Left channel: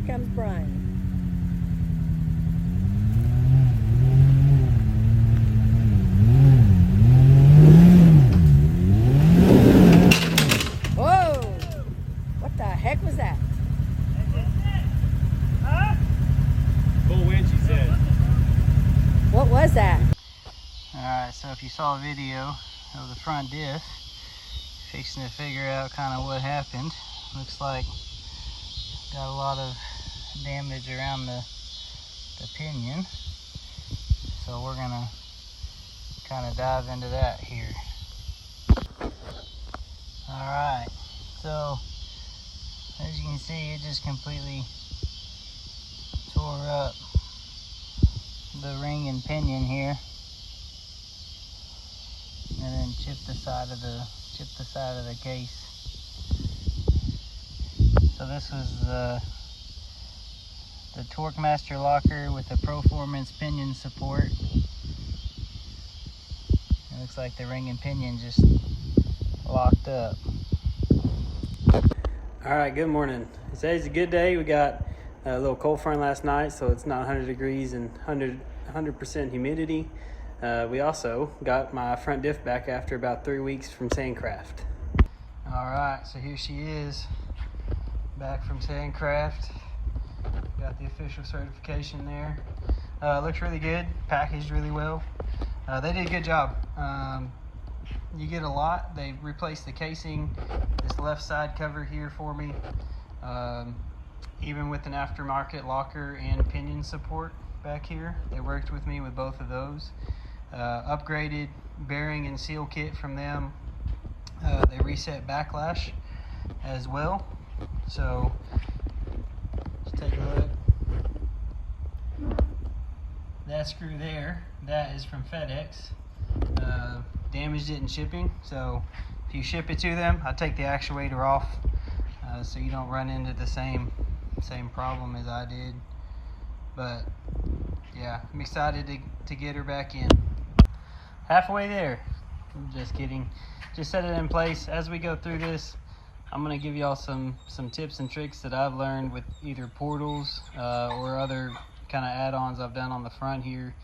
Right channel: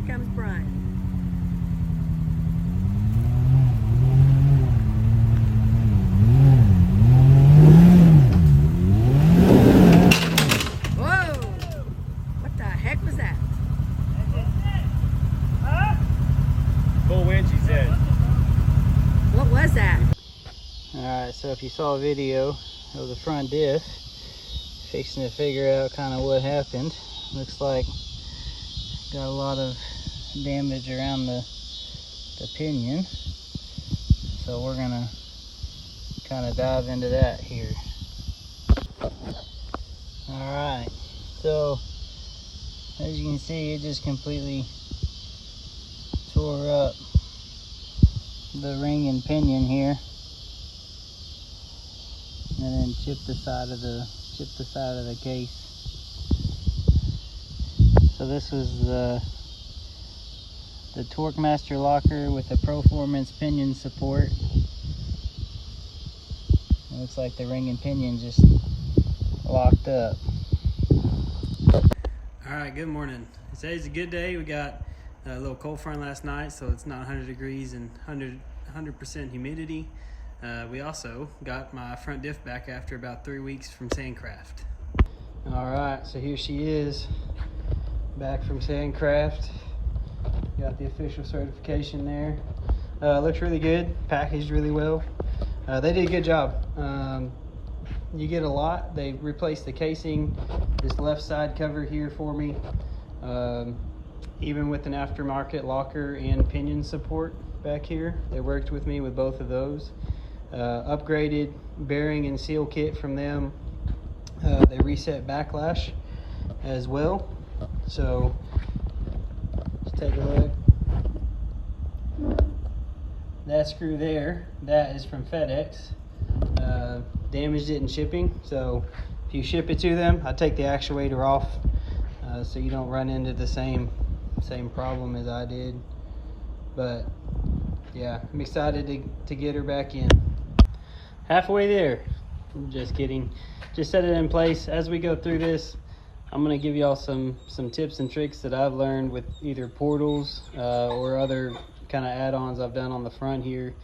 here comes Brian. Whoa! What the heck was that? Full winch, he said. What was that? Alright, so if you saw a video of the front diff, fixing to figure out kind of what happened. Looks like got a lot of damage around the pinion. So we're gonna kind of dive into that here. Alright, so as you can see, it just completely tore up the ring and pinion here, and then chipped the side of the case. So this was the Torque Master locker with the Proformance pinion support. It looks like the ring and pinion just locked up. Alright, good morning. Today's a good day. We got a little cold front last night, so it's not 100 degrees and 100% humidity. We also got my front diff back after about 3 weeks from Sandcraft. Alright, so here she is, back from Sandcraft. Got the official certification there. Looks really good, packaged really well. They did a good job. You get a lot. They replaced the casing, this left side cover here for me, even with an aftermarket locker and pinion support back here. They worked with me with both of those. Upgraded bearing and seal kit from them. They reset backlash as well. So just take a look. That screw there, that is from FedEx. Damaged it in shipping, so if you ship it to them, I take the actuator off so you don't run into the same problem as I did. But yeah, I'm excited to get her back in. Halfway there. I'm just kidding. Just set it in place. As we go through this, I'm going to give y'all some tips and tricks that I've learned with either portals or other kind of add-ons I've done on the front here.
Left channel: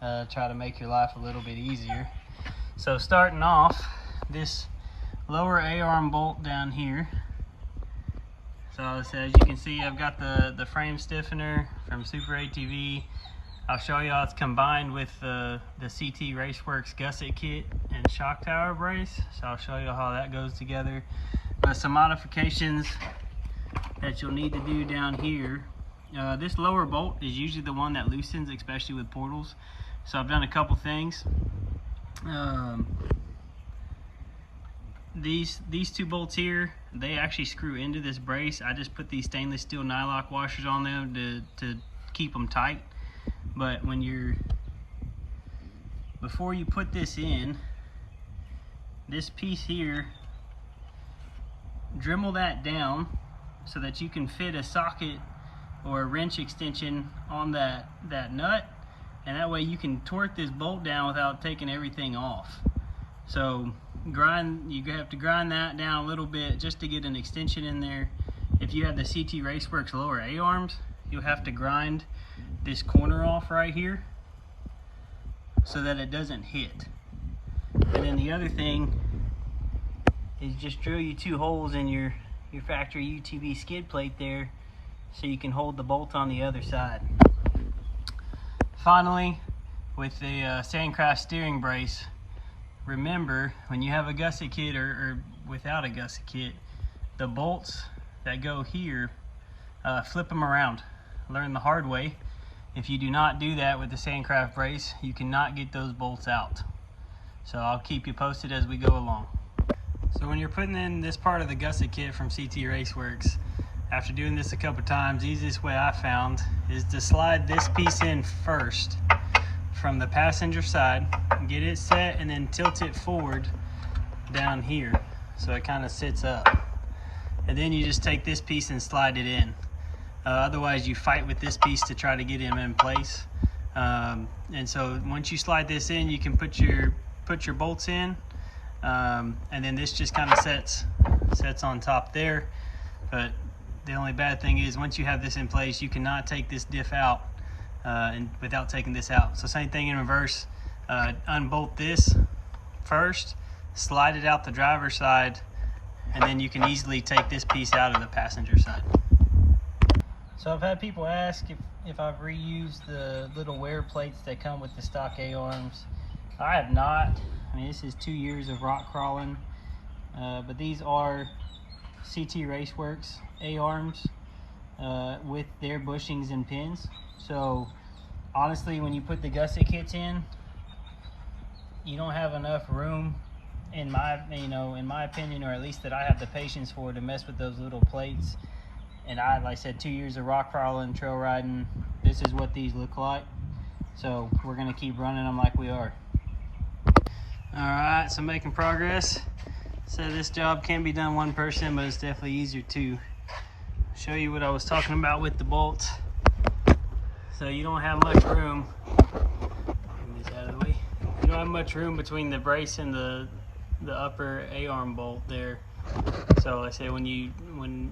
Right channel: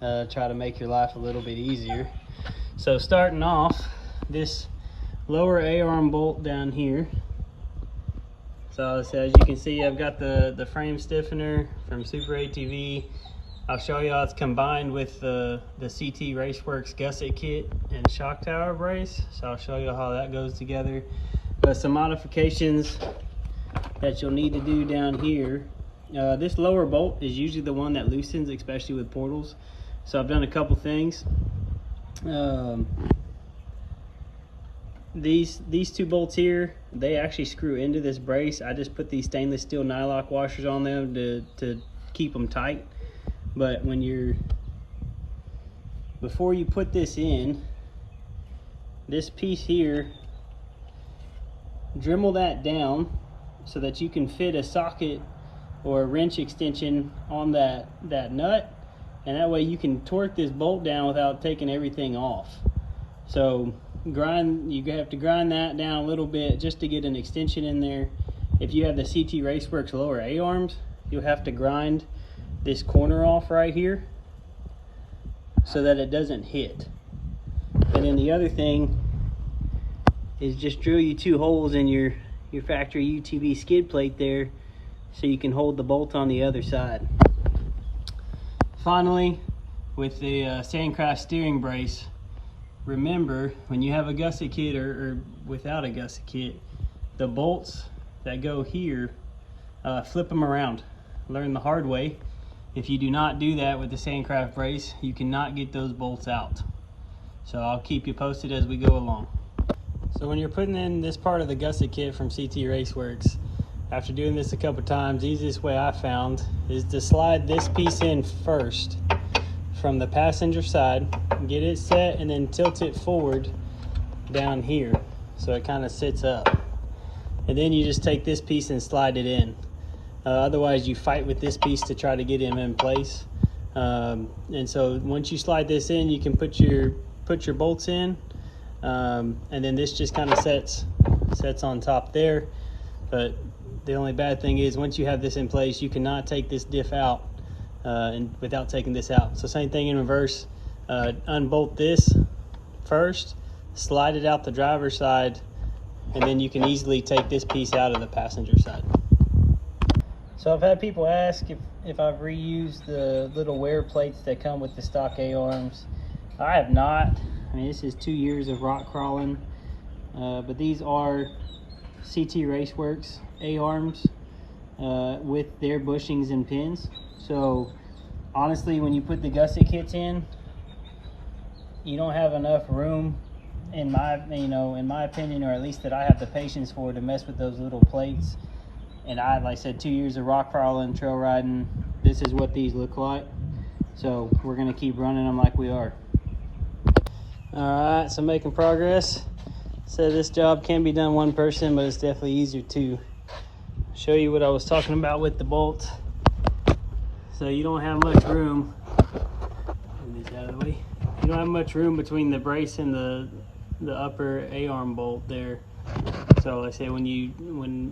Try to make your life a little bit easier. So starting off, this lower A-arm bolt down here. So as you can see, I've got the frame stiffener from Super ATV. I'll show you how it's combined with the CT Raceworks gusset kit and shock tower brace. So I'll show you how that goes together. But some modifications that you'll need to do down here. This lower bolt is usually the one that loosens, especially with portals. So I've done a couple things. These two bolts here, they actually screw into this brace. I just put these stainless steel nylock washers on them to keep them tight. But before you put this in, this piece here, Dremel that down so that you can fit a socket or a wrench extension on that nut, and that way you can torque this bolt down without taking everything off. So you have to grind that down a little bit just to get an extension in there. If you have the CT Raceworks lower A-arms, you'll have to grind this corner off right here so that it doesn't hit. And then the other thing is just drill you 2 holes in your factory UTV skid plate there so you can hold the bolt on the other side. Finally, with the Sandcraft steering brace, remember when you have a gusset kit or without a gusset kit, the bolts that go here, flip them around. Learn the hard way. If you do not do that with the Sandcraft brace, you cannot get those bolts out. So I'll keep you posted as we go along. So when you're putting in this part of the gusset kit from CT Raceworks, after doing this a couple times, the easiest way I found is to slide this piece in first from the passenger side, get it set, and then tilt it forward down here so it kind of sits up. And then you just take this piece and slide it in. Otherwise you fight with this piece to try to get him in place. And so once you slide this in, you can put your bolts in, and then this just kind of sets on top there. But the only bad thing is once you have this in place, you cannot take this diff out and without taking this out. So same thing in reverse. Unbolt this first, slide it out the driver's side, and then you can easily take this piece out of the passenger side. So I've had people ask if I've reused the little wear plates that come with the stock A-arms. I have not. I mean, this is 2 years of rock crawling, but these are CT Raceworks A-arms with their bushings and pins. So honestly, when you put the gusset kits in, you don't have enough room, in my opinion, or at least that I have the patience for, to mess with those little plates. And like I said, 2 years of rock crawling, trail riding, this is what these look like. So we're gonna keep running them like we are. All right, so making progress. So this job can be done one person, but it's definitely easier to show you what I was talking about with the bolts. So you don't have much room. Get this out of the way. You don't have much room between the brace and the upper A-arm bolt there. So I say when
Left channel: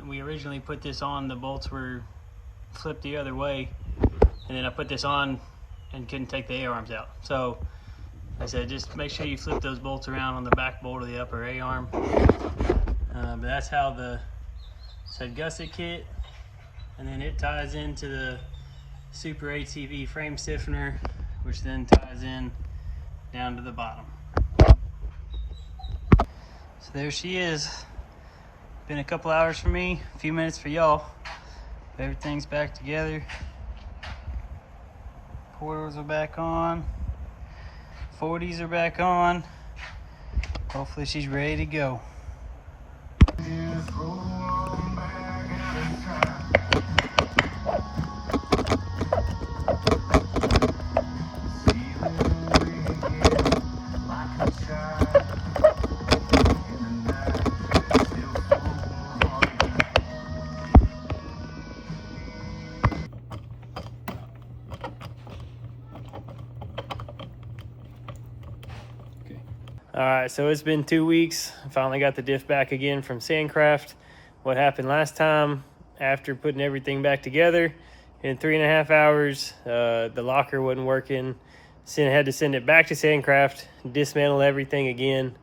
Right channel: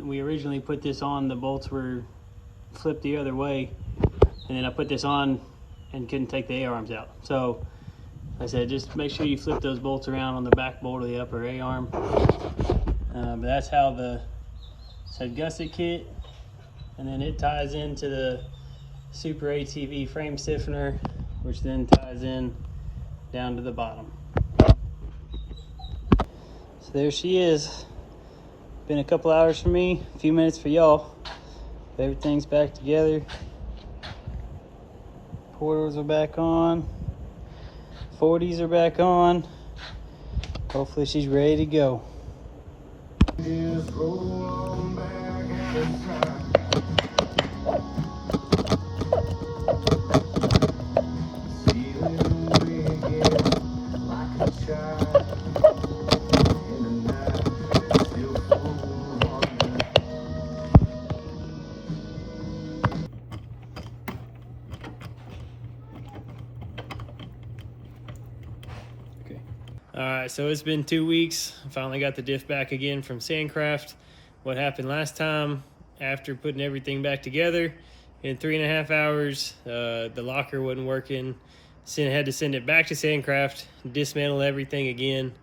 we originally put this on, the bolts were flipped the other way, and then I put this on and couldn't take the A-arms out. So I said, just make sure you flip those bolts around on the back bolt of the upper A-arm. But that's how the said gusset kit, and then it ties into the Super ATV frame stiffener, which then ties in down to the bottom. So there she is. Been a couple hours for me, a few minutes for y'all. Everything's back together. Portals are back on. 40s are back on. Hopefully she's ready to go. All right, so it's been 2 weeks. I finally got the diff back again from Sandcraft. What happened last time, after putting everything back together, in 3.5 hours, the locker wasn't working. Had to send it back to Sandcraft, dismantle everything again.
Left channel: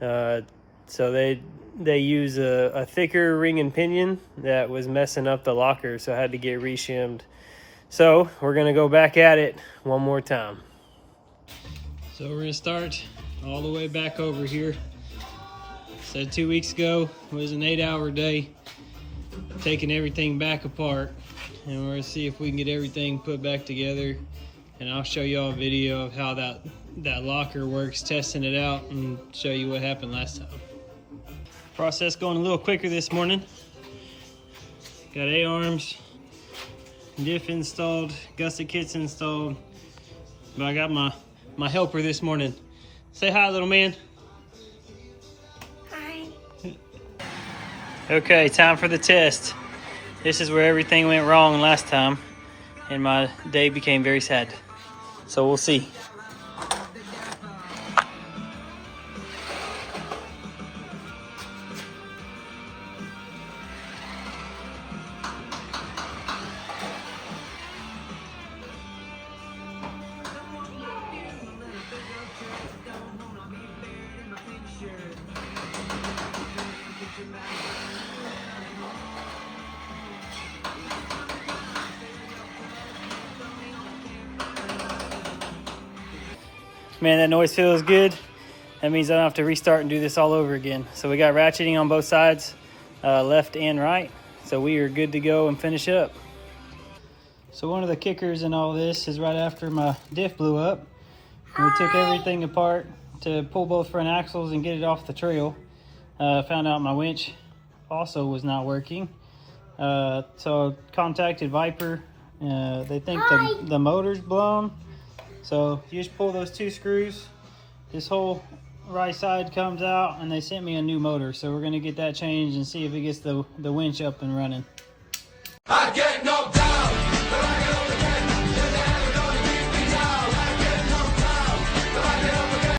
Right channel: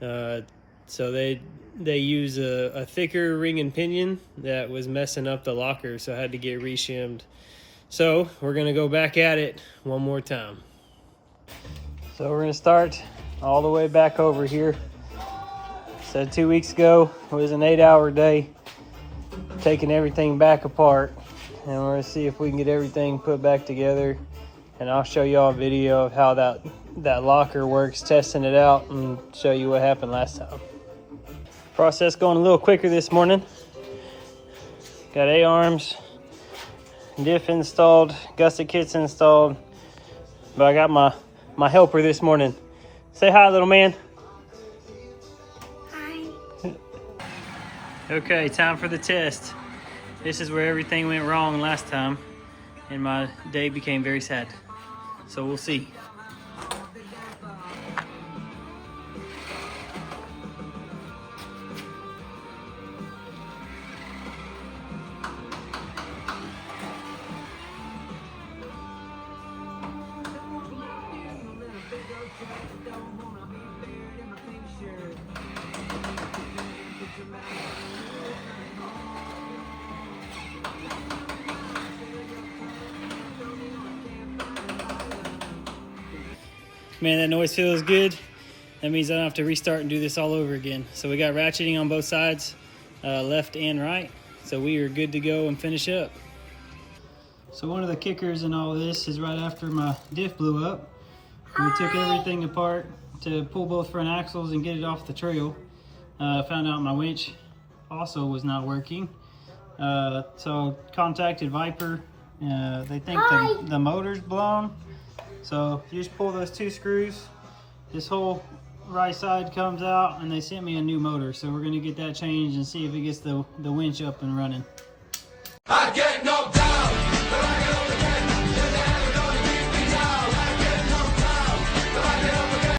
So they use a thicker ring and pinion that was messing up the locker, so I had to get reshimmed. So we're gonna go back at it one more time. So we're gonna start all the way back over here. Said 2 weeks ago it was an 8-hour day, taking everything back apart, and we're gonna see if we can get everything put back together, and I'll show y'all a video of how that locker works, testing it out, and show you what happened last time. Process going a little quicker this morning. Got A-arms, diff installed, gusset kits installed, but I got my helper this morning. Say hi, little man. Hi. Okay, time for the test. This is where everything went wrong last time, and my day became very sad. So we'll see. Man, that noise feels good. That means I don't have to restart and do this all over again. So we got ratcheting on both sides, left and right. So we are good to go and finish up. So one of the kickers in all this is right after my diff blew up, we took everything apart to pull both front axles and get it off the trail. Found out my winch also was not working. So contacted Viper. They think the motor's blown. So you just pull those 2 screws, this whole right side comes out, and they sent me a new motor. So we're gonna get that changed and see if it gets the winch up and running.